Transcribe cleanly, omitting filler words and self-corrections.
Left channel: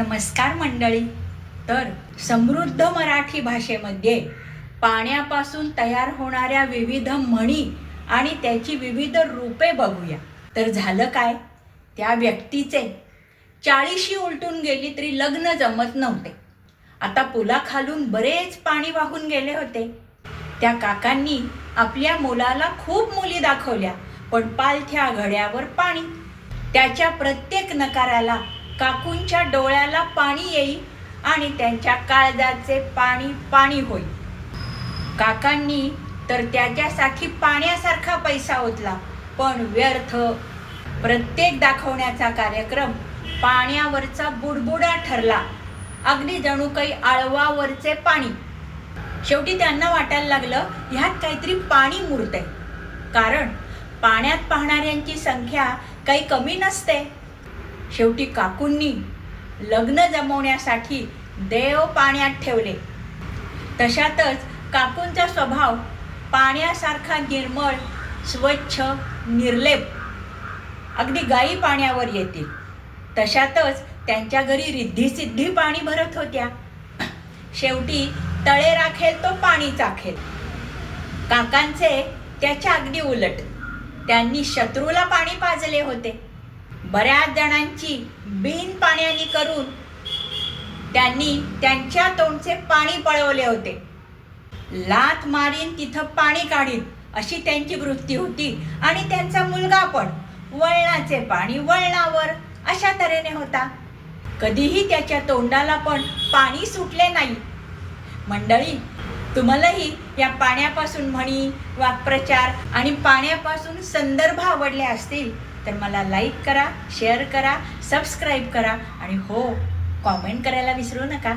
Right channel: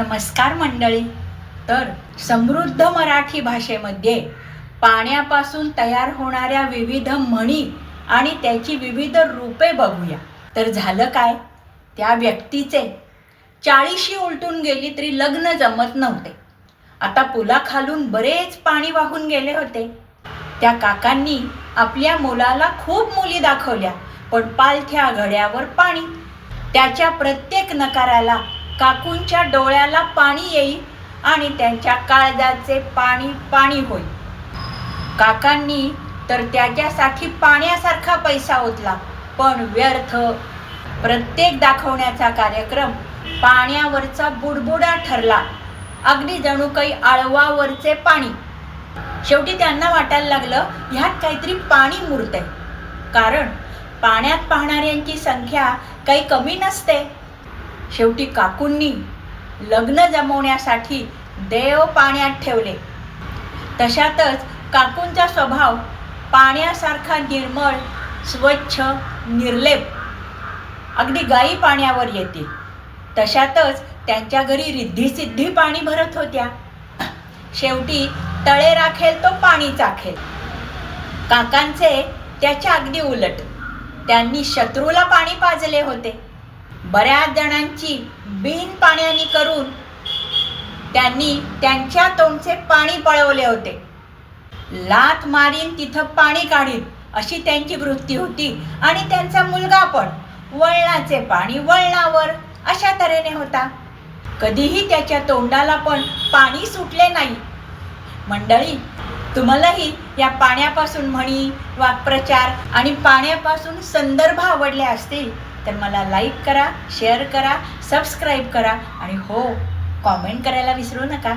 नमस्कार मंडळी. तर समृद्ध मराठी भाषेमध्ये पाण्यापासून तयार होणाऱ्या विविध म्हणी आणि त्याची विविध रूपे बघूया. तर झालं काय, त्या व्यक्तीचे 40शी उलटून गेली तरी लग्न जमत नव्हते. आता पुलाखालून बरेच पाणी वाहून गेले होते. त्या काकांनी आपल्या मुलाला खूप मुली दाखवल्या, पण पालथ्या घड्यावर पाणी. त्याच्या प्रत्येक नकाराला काकूंच्या डोळ्याला पाणी येई आणि त्यांच्या काळजाचे पाणी पाणी होई. काकांनी तर त्याच्यासाठी पाण्यासारखा पैसा ओतला, पण व्यर्थ. प्रत्येक दाखवण्याचा कार्यक्रम पाण्यावरचा बुडबुडा ठरला, अगदी जणू काही आळवावरचे पाणी. शेवटी त्यांना वाटायला लागलं, ह्यात काहीतरी पाणी मुरतंय, कारण पाण्यात पाहणाऱ्यांची संख्या काही कमी नसते. शेवटी काकूंनी लग्न जमवण्यासाठी देव पाण्यात ठेवले. तशातच काकूंचा स्वभाव पाण्यासारखा निर्मळ, स्वच्छ, निर्लेप. अगदी गायी पाण्यावर येतील. तशातच त्यांच्या घरी रिद्धी-सिद्धी पाणी भरत होत्या. शेवटी तळे राखेल तो पाणी चाखेल. काकांचे त्याच्या अगदी उलट. त्यांनी शत्रूला पाणी पाजले होते. बऱ्याच जणांची बिन पाण्याने करून त्यांनी त्यांच्या तोंडचे पाणी पळवले होते. लाथ मारीन तिथं पाणी काढीन अशी त्यांची वृत्ती होती. आणि त्यांचा मुलगा पण वळणाचे पाणी वळणावर अशा तऱ्हेने होता. कधीही त्याच्या तोंडाला पण पाणी सुटले नाही. मंडळी, तुम्हालाही या पाण्यापासून म्हणी, वाक्प्रचार आणि पाण्यापासून संदर्भ आवडले असतील तर मला लाईक करा, शेअर करा, सबस्क्राईब करा आणि हो, कॉमेंट करायला विसरू नका.